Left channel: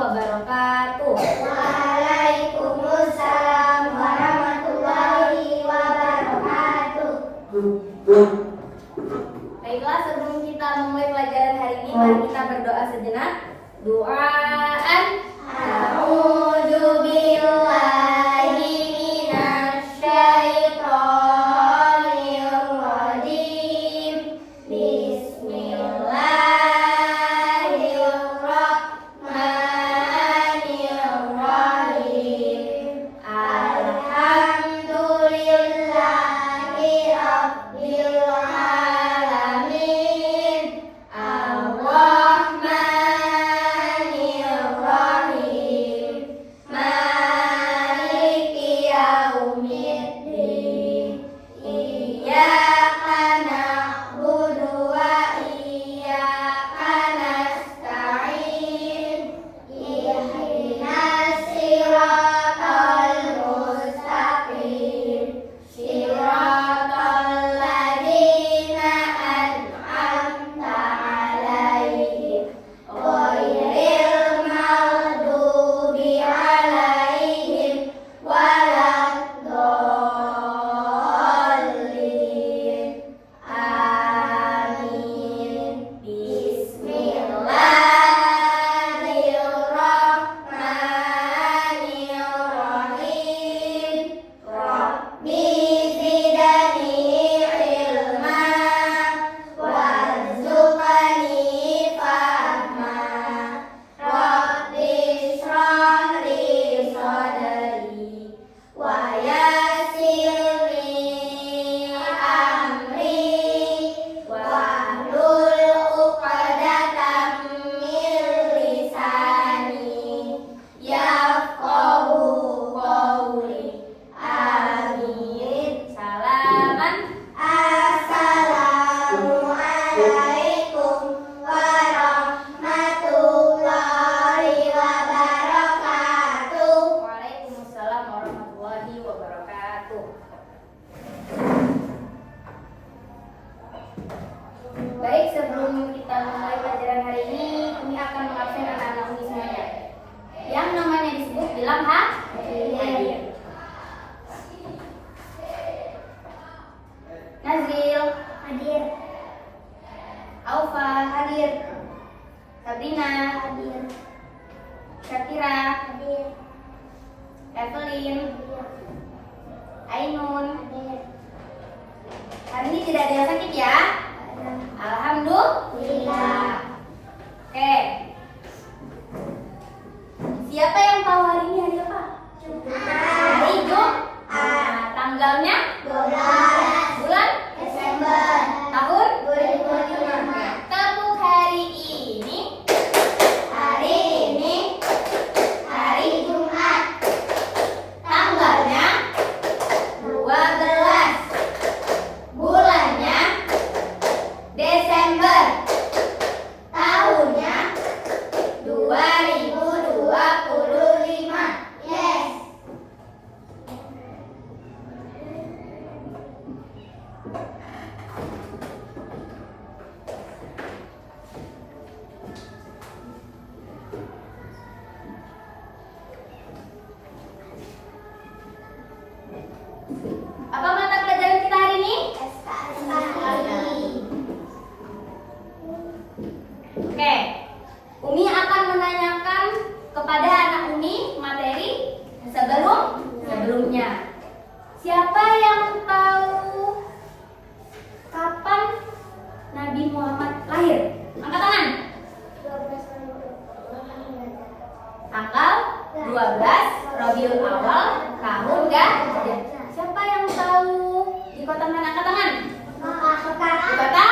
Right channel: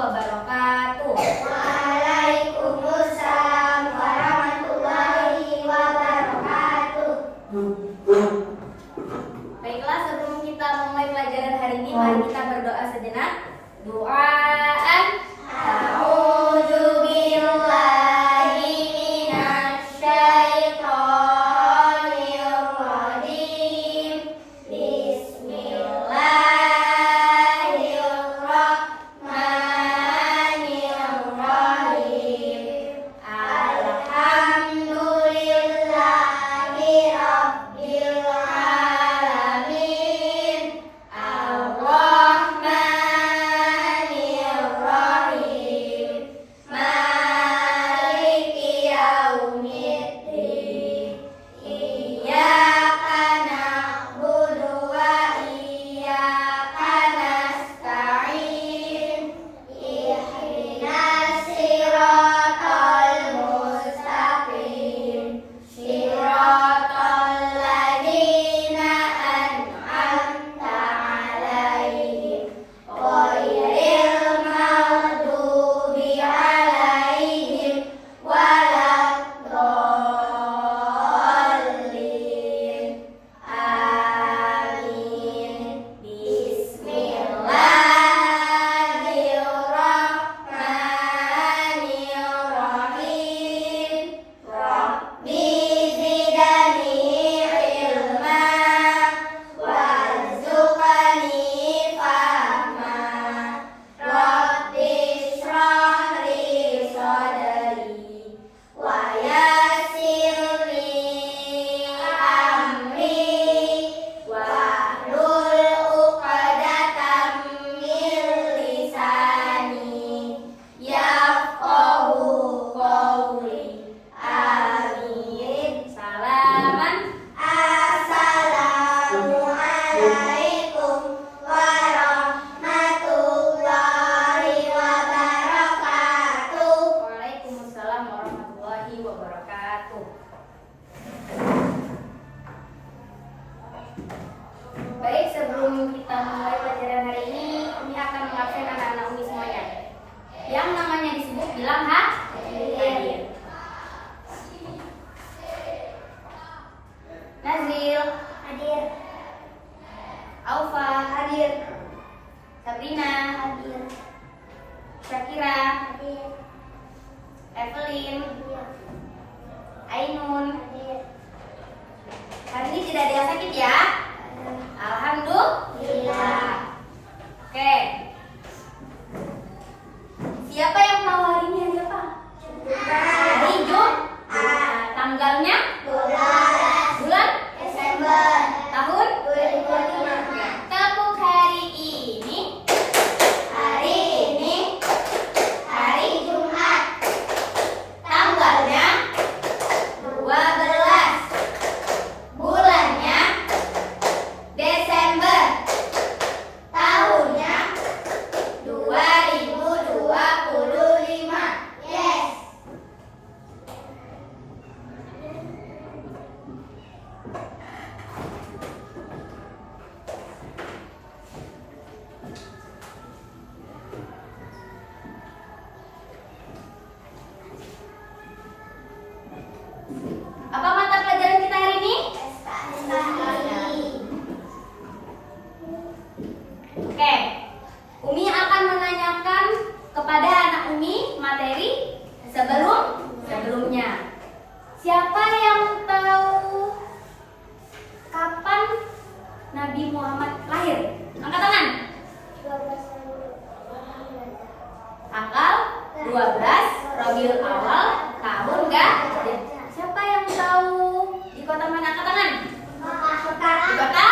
wabarakatuh. Waalaikumsalam warahmatullahi wabarakatuh. Baiklah, sebelum kita memulai pelajaran hari ini, mari kita berdoa sejenak. Doaan. A'udzu billahi minasyaitonir rajim. Bismillahirrahmanirrahim. Alhamdulillahi rabbil alamin. Ar-Rahmanir-Rahim. Maliki yaumiddin. Iyyaka na'budu wa iyyaka nasta'in. Ihdinas siratal mustaqim. Siratal ladzina an'amta 'alaihim ghairil maghdubi 'alaihim waladdallin. Amin. Bismillahirrahmanirrahim. Rabbi zidni ilma warzuqni fahma. Rabbi shrah li sadri wa yassir li amri wahlul 'uqdatam min lisani yafqahu qawli. Amin. Salaman. Assalamualaikum warahmatullahi wabarakatuh. Waalaikumsalam warahmatullahi wabarakatuh. Baik, sebelum kita memulai pelajaran hari ini akan mengabsen anak-anak Umi semuanya. Yang namanya disebut bilang hadir. Nazril Hadir. Aufa Hadir. Sabrina Hadir. Syakira Hadir. Evelyn Hadir. Ainun. Hadir. Hari ini tidak ada yang sakit ya? Alhamdulillah. Oke. Siapa yang tahu hari ini hari apa? Hari Jumat. Tanggalnya? 12 Bulan? Desember Tahun? 2005. Tepuk hari ini. Hari ini hari Jumat. Tanggalnya 12. Bulannya Desember. Tahunnya 2025. Yes. Apa mata pelajaran kita hari ini? Oke. Umi akan menanyakan kepada anak Umi materi sebelumnya. Siapa yang tahu kapan Nabi Muhammad lahir? Angkat tangan. Tanggal 12 Rabiul Awal tahun enggak? Siapa yang tahu di kota mana? Angkat tangan. Di kota?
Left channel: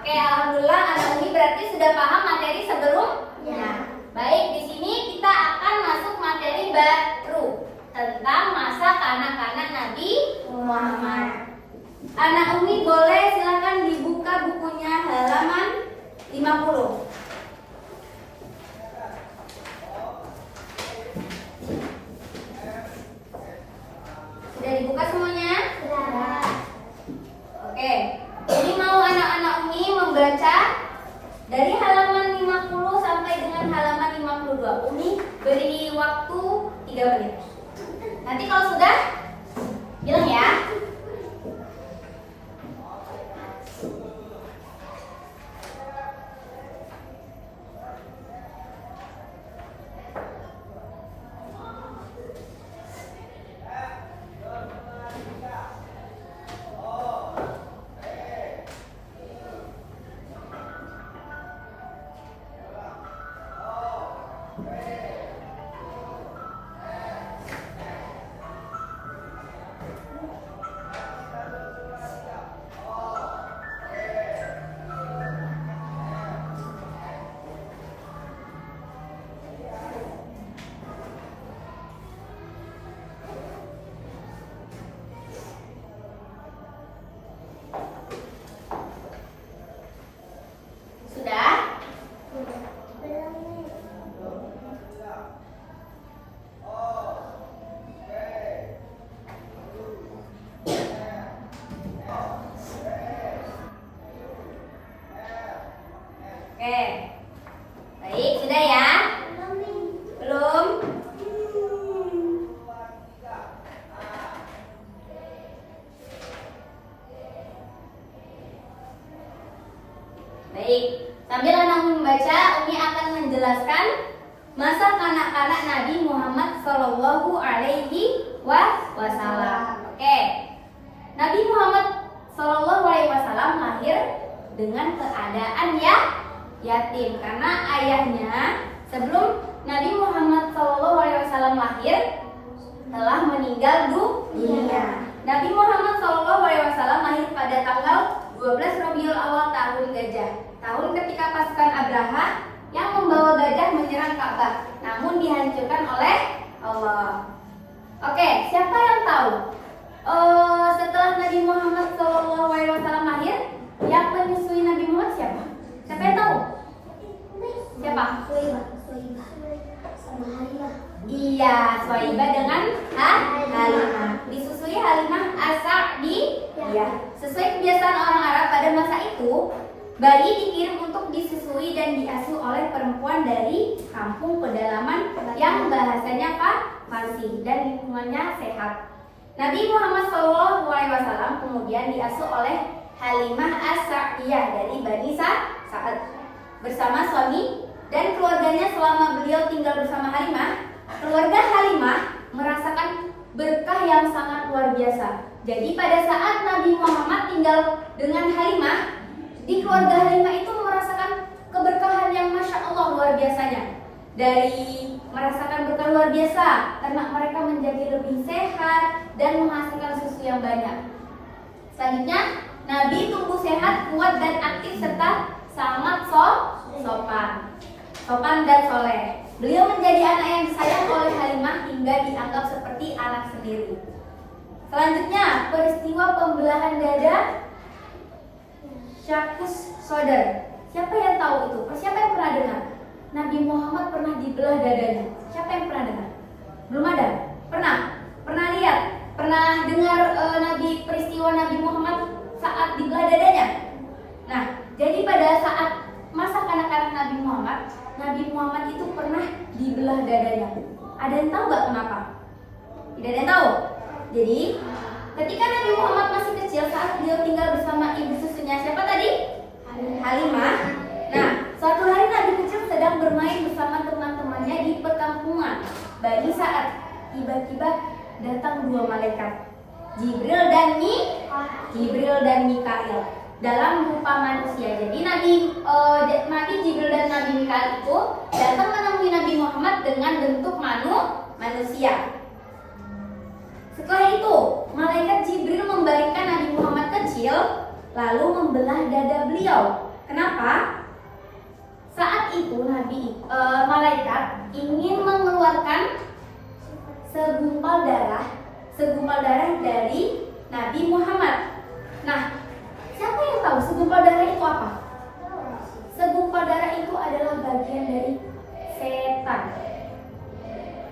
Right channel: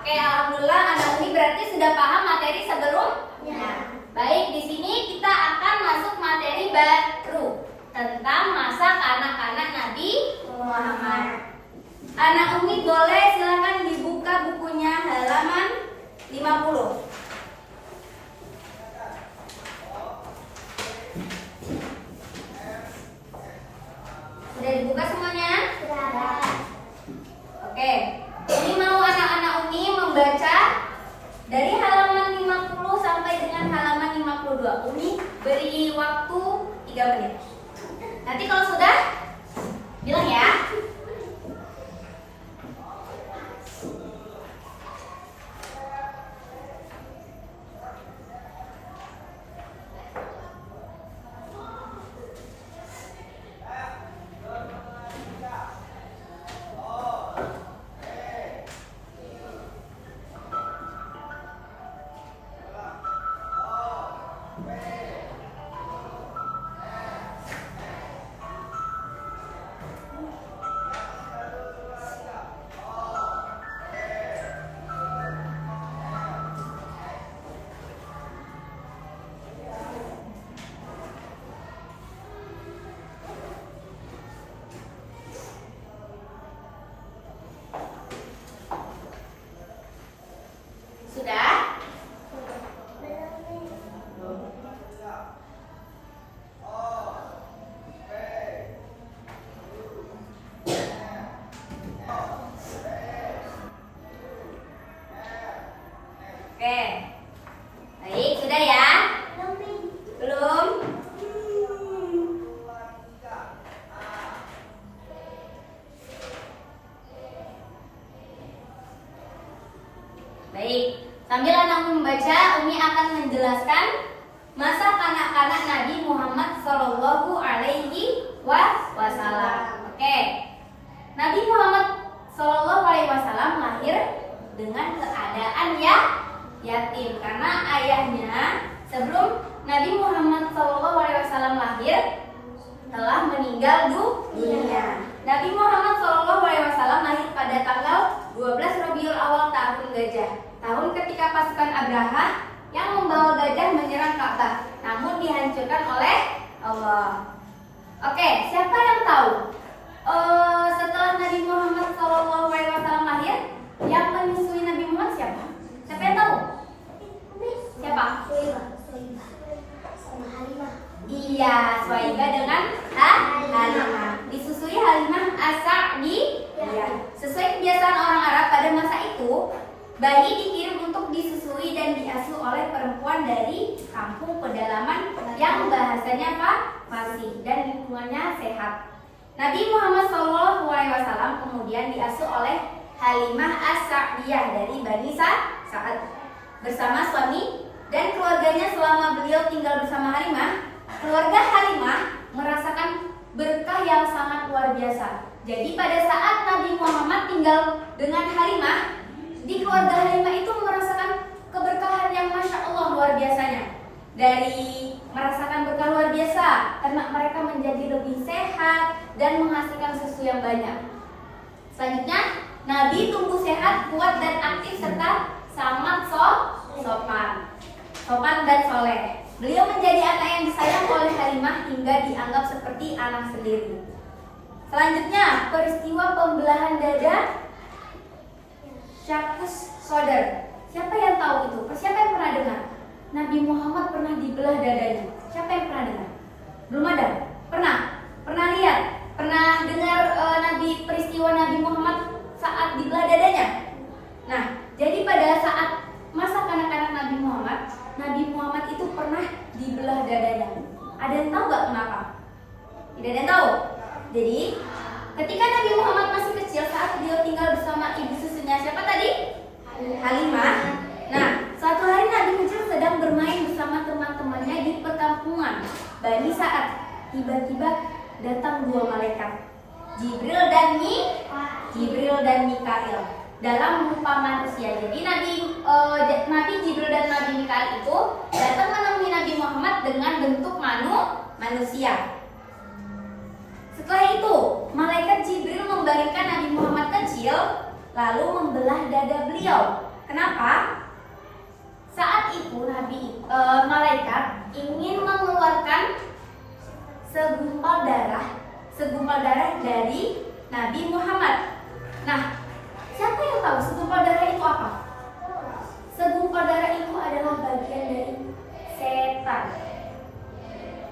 Oke, alhamdulillah anak Umi berarti sudah paham materi sebelumnya. Baik, di sini kita akan masuk materi baru tentang masa kanak-kanak Nabi Muhammad. Anak Umi boleh silakan dibuka bukunya halaman 50. Sudah dibuka semuanya? Oke. Ini mau anak-anak Umi membaca dari halaman 50 sampai sampai dengan halaman 52. Umi beri waktu 3 menit. Nanti kalau sudah bilang ya. Sudah? Oke. Baik, sudah ya? Belum? Baik, sambil anak membaca, Umi akan menjelaskan masa kanak-kanak Nabi Muhammad Shallallahu Alaihi Wasallam. Oke, Nabi Muhammad Shallallahu Alaihi Wasallam lahir dengan keadaan yatim karena ayahnya sebelum Nabi Muhammad Shallallahu Alaihi Wasallam lahir telah meninggal dunia. Nabi Muhammad Shallallahu Alaihi Wasallam lahir pada tanggal 12 Rabiul Awal tahun Gajah, tahun ketika pasukan Abraha yang membawa gajah menyerang Ka'bah, namun dihancurkan oleh Allah. Oke, siapa yang tahu? Setelah Nabi Muhammad Shallallahu Alaihi Wasallam lahir, yang menyusui Nabi Muhammad siapa? Siapa yang tahu? Siapa? Iya, Swaibah dengan Halimah. Disusui Halimah As-Sa'diyah. Sesuai kebiasaan orang Arab pada masa itu, bayi dikirim untuk disusui dan diasuh oleh perempuan dari kampung pedalaman yang bahasanya fasih dan lingkungannya sehat. Nabi Muhammad SAW kemudian diasuh oleh Halimah As-Sa'diyah dari Bani Sa'ad bersama suami dan keluarganya. Selama beliau tinggal bersama Halimah, keluarga Halimah merasakan berkah yang sangat luar biasa. Jadi pada saat Nabi Muhammad tinggal dengan Halimah, di keluarga Halimah itu merasakan keberkahan yang Masya Allah luar biasanya. Dari merasakan berkah luar biasa, ternak mereka menjadi lebih sehat dan menghasilkan susu yang banyak. Selanjutnya, Nabi tumbuh sehat, kuat dan aktif serta sangat sopan dan soleh. Beliau menjadi anak yang disayang oleh Halimah hingga dianggap seperti anak sendiri. Selanjutnya, peristiwa pembelahan dada Syakus Sodar. Siapa yang tahu itu? Siapa yang pernah dengar? Nabi Muhammad pernah dibelah dadanya. Siapa yang pernah dengar? Belum ada? Pernah? Pernah lihat? Pernah dengar peristiwa Nabi Muhammad saat dibelah dadanya? Nah, jadi pada saat masa kanak-kanak Nabi Muhammad itu pernah dibelah dadanya. Ada yang tahu gak kenapa? Tidak ada yang tahu. Jadi, ketika Nabi Muhammad masih kecil saat beliau tinggal bersama ibu susunya, siapa tadi? Halimah. Nah, suatu hari Nabi kecil sedang bermain bersama teman-temannya di perkampungan Bani Sa'ad. Tiba-tiba datang dua malaikat, Jibril dan Mikail, dalam rupa manusia. Jadi Nabi Jibril dan Nabi Mikail itu datang menemui Nabi Muhammad dengan bentuk manusia. Setelah itu, malaikat Jibril membalikkan Nabi Muhammad kecil lalu membelah dada beliau. Kenapa? Saat itu malaikat ingin mengeluarkan segumpal darah dari Nabi Muhammad. Nah, siapa yang tahu segumpal darah itu apa? Segumpal darah itu adalah bagian dari setan.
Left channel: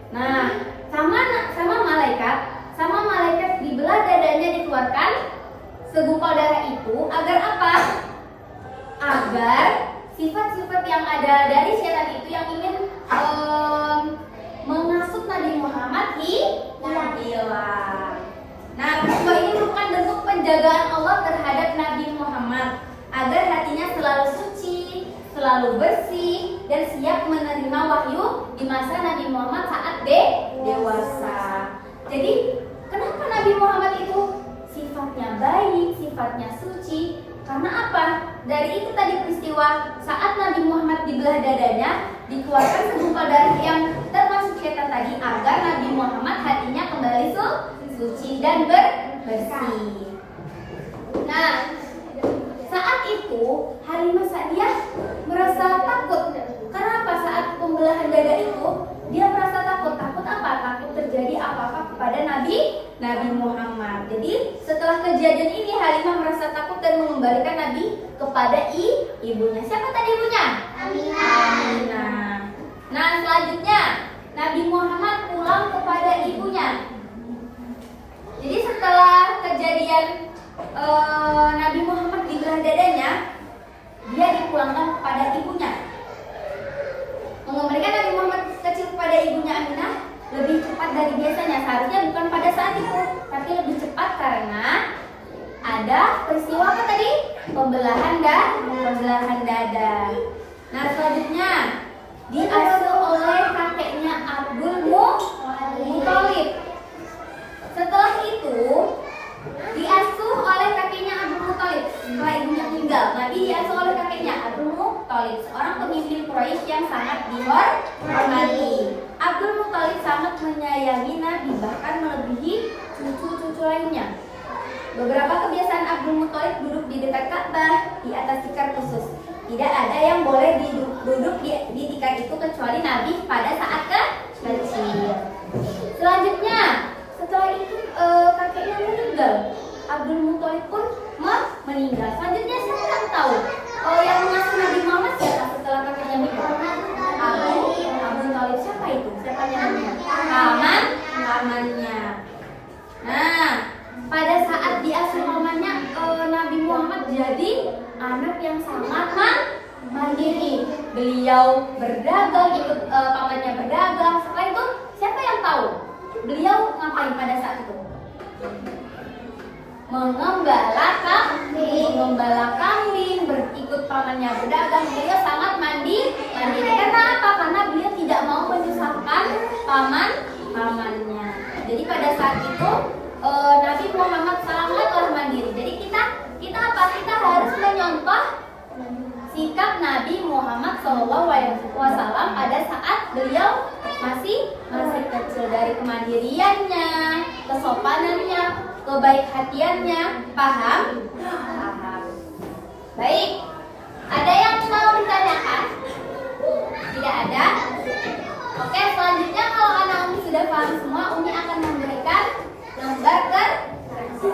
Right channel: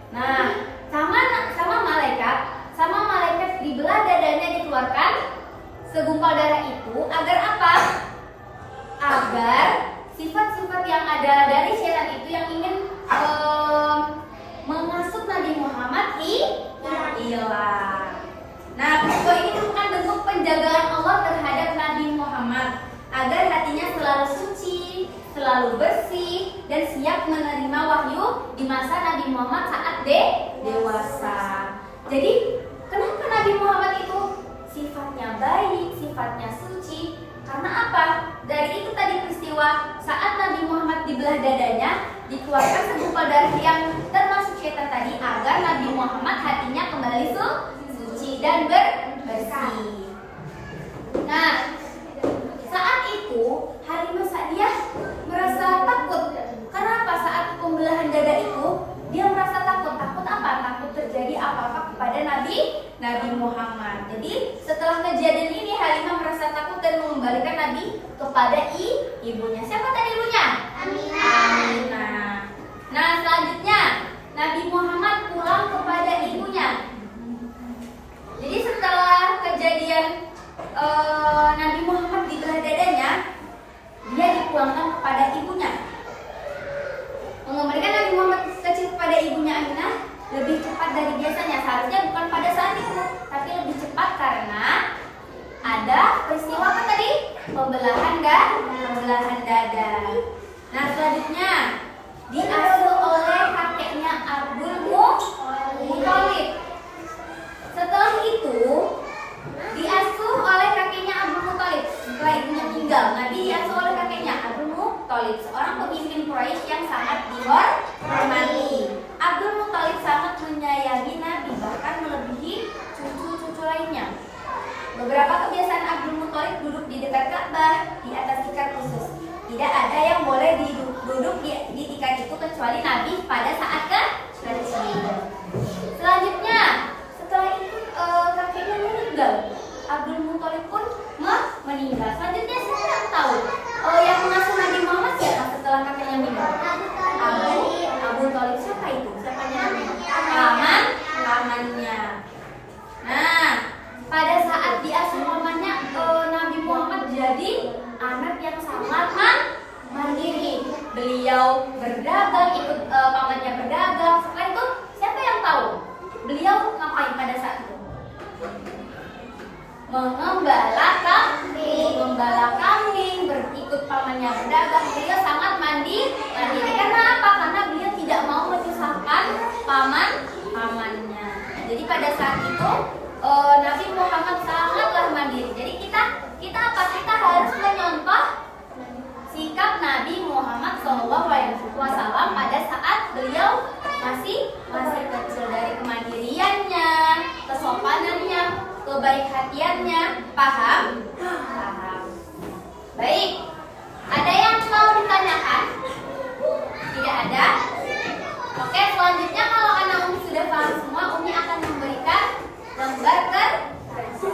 Nah, sama malaikat dibelah dadanya, dikeluarkan segumpal darah itu agar apa? Agar sifat-sifat yang ada dari setan itu penjagaan Allah terhadap Nabi Muhammad agar hatinya selalu suci, selalu bersih, dan siap menerima wahyu di masa Nabi Muhammad saat dewasa. Jadi, kenapa Nabi Muhammad itu sifatnya baik, sifatnya suci? Karena apa? Dari itu tadi peristiwa saat Nabi Muhammad dibelah dadanya, dikeluarkan segumpal darah yang termasuk syaitan tadi agar Nabi Muhammad hatinya kembali suci dan bersih. Nah, saat itu Halimah Sa'diyah merasa takut. Kenapa? Saat pembelahan dada itu dia merasa takut. Takut apa? Takut terjadi apa-apa kepada Nabi Muhammad. Jadi setelah kejadian ini Halimah merasa takut dan mengembalikan Nabi kepada ibunya. Siapa tadi ibunya? Aminah. Nah, selanjutnya Nabi Muhammad pulang kepada ibunya. Jadi setelah kejadian Nabi Muhammad dibelah dadanya, dia dipulangkan kepada ibunya. Mengembalikan Nabi Muhammad kecil kepada ibunya Aminah lebih cepat dari biasanya. Seharusnya bukan pada saat itu, tapi lebih cepat karena ada peristiwa apa tadi? Pembelahan dada. Nah, selanjutnya diasuh oleh kakeknya Abdul Muthalib. Setelah itu diasuh oleh kakeknya Abdul Muthalib. Setelah ibunya meninggal, Nabi diasuh oleh kakeknya Abdul Muthalib, seorang pemimpin Quraisy yang sangat dihormati. Abdul Muthalib sangat menyayangi Nabi, bahkan melebihi cucu-cucu lainnya. Beberapa kebiasaan Abdul Muthalib duduk di dekat Ka'bah di atas tikar khusus. Tidak ada yang boleh duduk di tikar itu kecuali Nabi pada saat kecil. Selanjutnya, setelah itu kakeknya meninggal, Abdul Muthalib pun meninggal. Selanjutnya siapa yang tahu? Yang mengasuh Nabi Muhammad siapa setelah kakeknya meninggal? Abu Thalib. Siapa itu? Siapanya namanya? Pamannya. Nah, pada saat diasuh pamannya, Nabi Muhammad jadi anak yang sangat mandiri. Beliau berdagang, ikut pamannya berdagang. Setelah itu siapa yang tahu? Beliau ngapain pada saat itu? Mengembala kambing, berikut pamannya berdagang. Beliau sangat mandiri. Karena apa? Karena beliau tidak mau menyusahkan pamannya. Jadi pada saat itu Nabi Muhammad sangatlah mandiri. Jadi kita apa? Kita harus menyontoh sikap Nabi Muhammad SAW pada saat beliau masih kecil, dari kemandiriannya, kesopanannya, kebaik hatiannya. Paham? Baik. Ada yang mau ditanyakan? Tidak ada? Oke, selanjutnya kalau anak Umi sudah paham semua, Umi akan memberikan lembar kerja.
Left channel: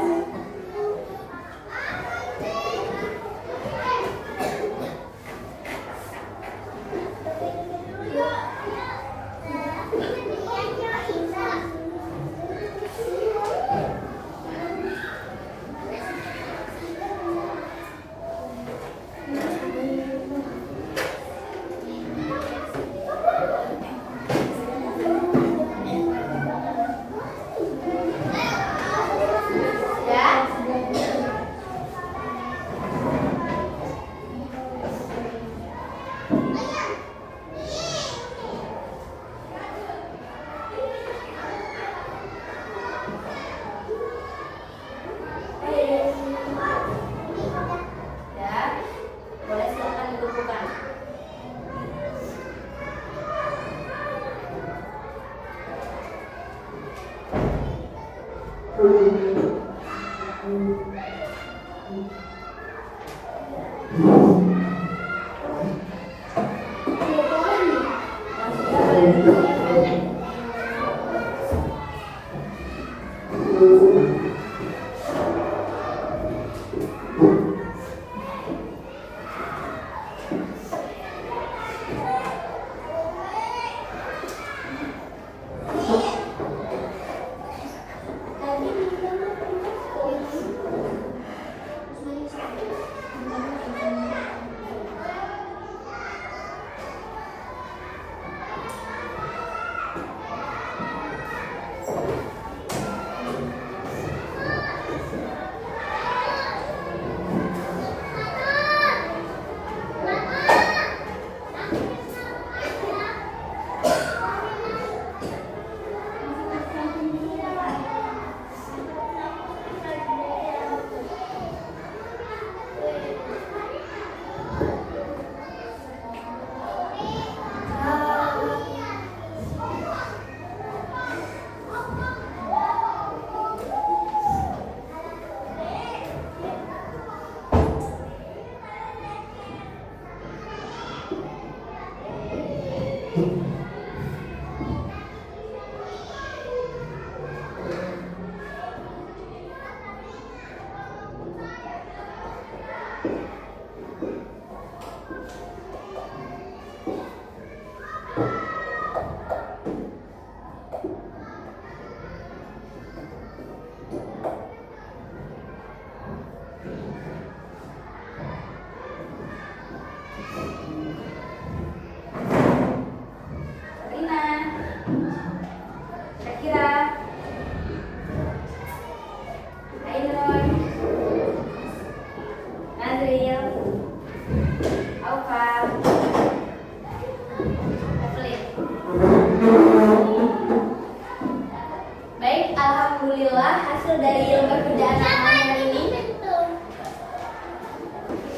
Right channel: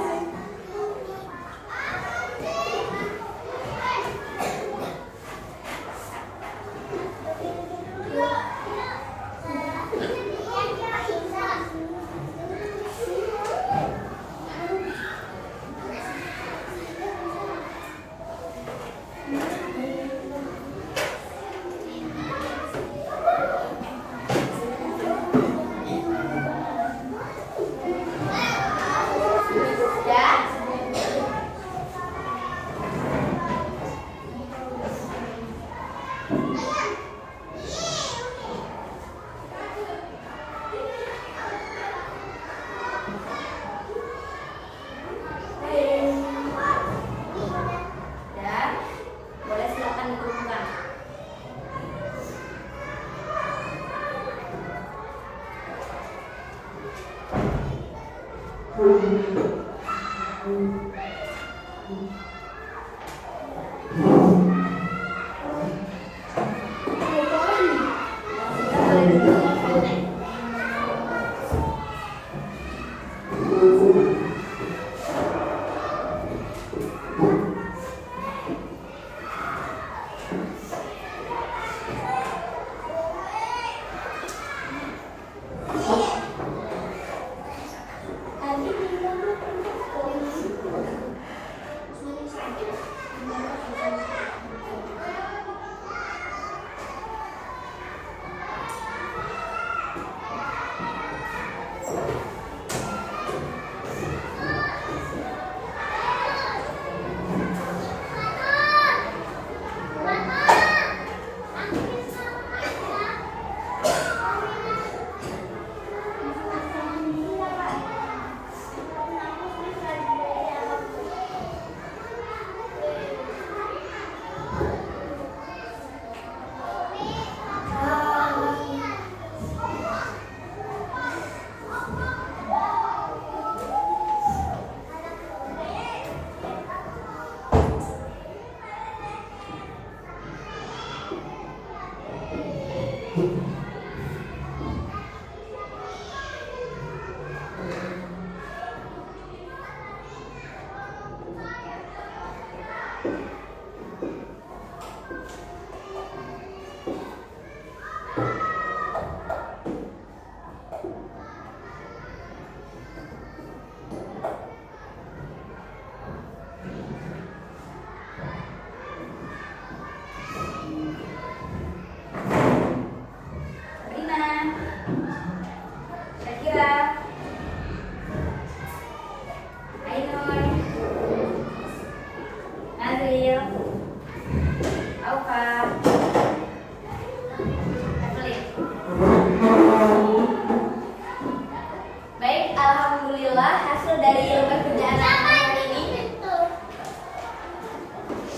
Baik, alhamdulillah hasil dari lembar kerjaan anak hari ini.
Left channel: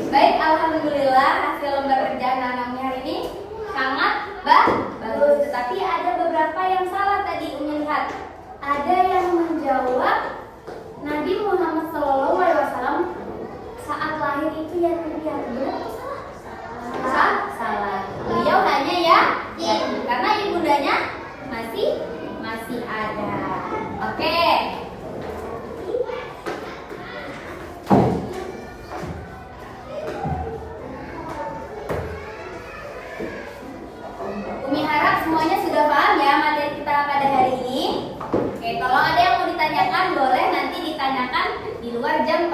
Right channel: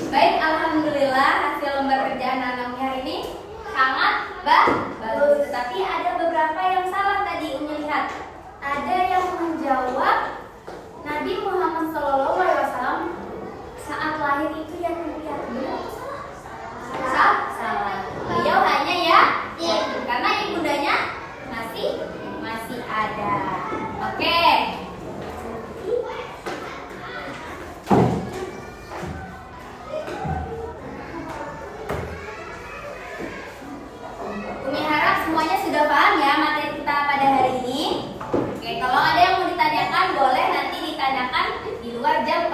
Baik, alhamdulillah hasil lembar kerjaan anak hari ini sangat bagus. Tetapi ada beberapa yang salah tadi. Umi lihat, ada yang menjawab Nabi Muhammad SAW saat lahir itu yang kedua. Benar atau salah? Salah. Beliau hanya ya, karena ibundanya masih ada. Oke. Umi harap semuanya sudah paham ya materi kita pada hari ini. Oke, kalau ada yang mau ditanyakan boleh nanti ditanyakan di luar jam